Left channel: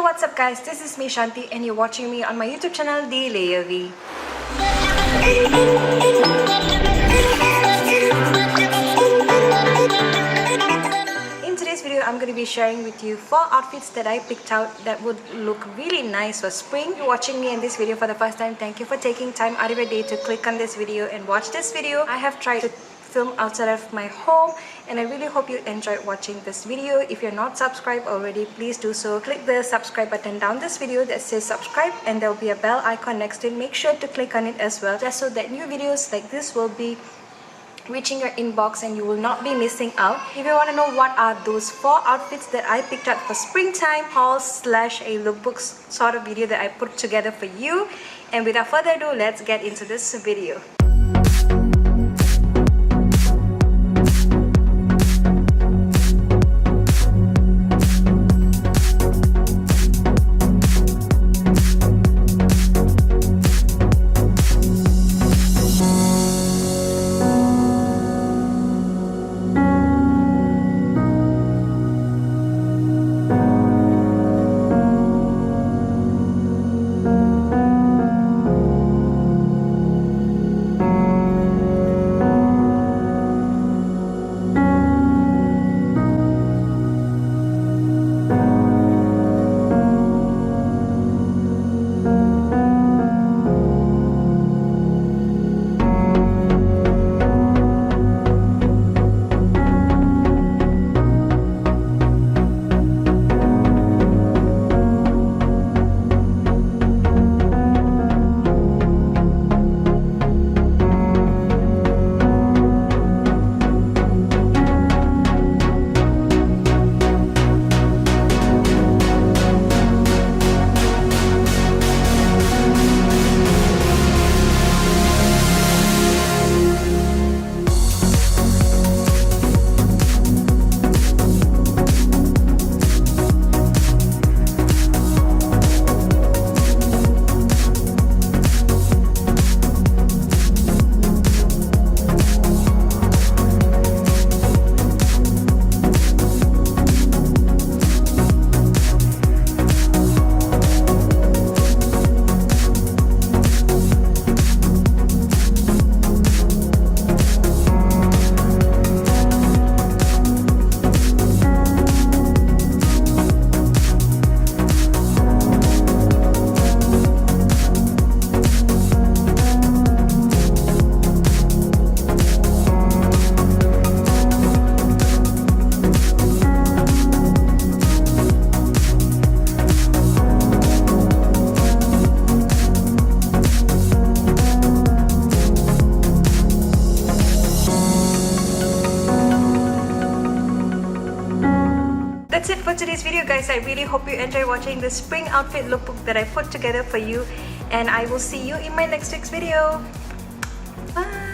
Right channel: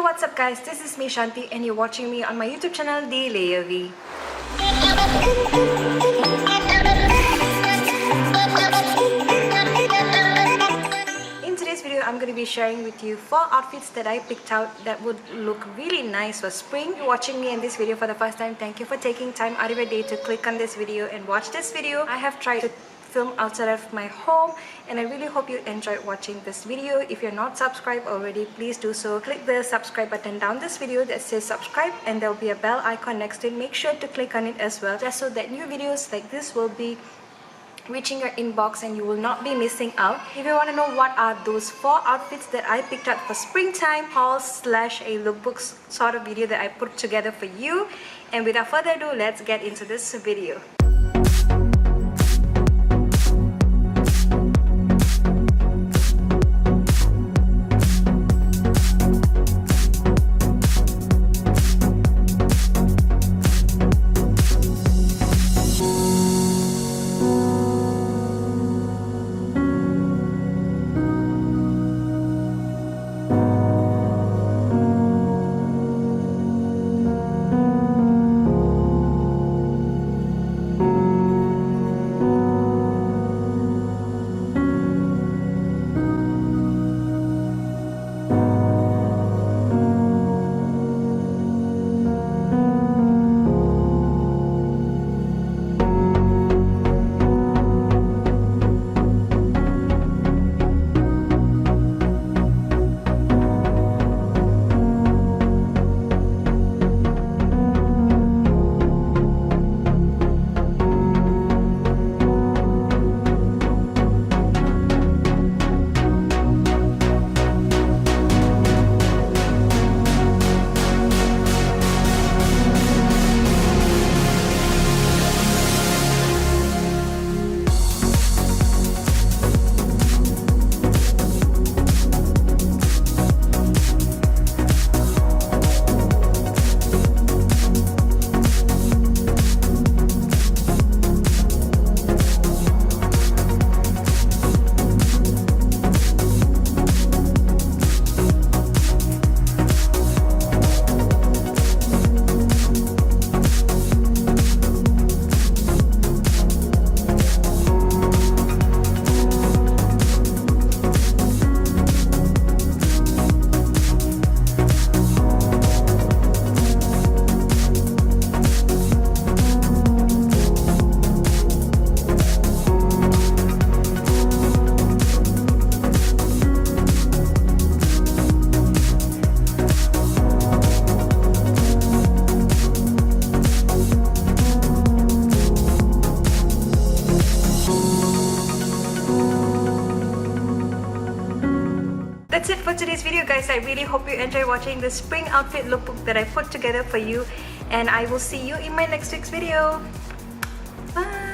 Hey, what's up guys, this is me Shanti and you're watching me on my YouTube channel The Layer V. In today's video, I'm going to be sharing with you 4 outfits that I picked out that would look really nice for spring. If you're watching me in this video for the first time, thank you for taking time out of your day to click on this video and watch this video. I have tried to film outside of my home and I really hope you enjoyed watching this video. If you're not subscribed already, please do so. Click the subscribe button down this video that says subscribe and there will be a bell icon next to it. Make sure to click on it as well, just so that new videos like this will be reaching your inbox and you will not be missing out. If you want to know what are those 4 outfits that I picked out for springtime haul slash a lookbook sort of video that I put together for you, and without further ado, let's get into this video. That's it for today's video guys. I really hope you enjoy watching the spring outfit lookbook that I put together for you, and I will see you in my next week's video. Bye!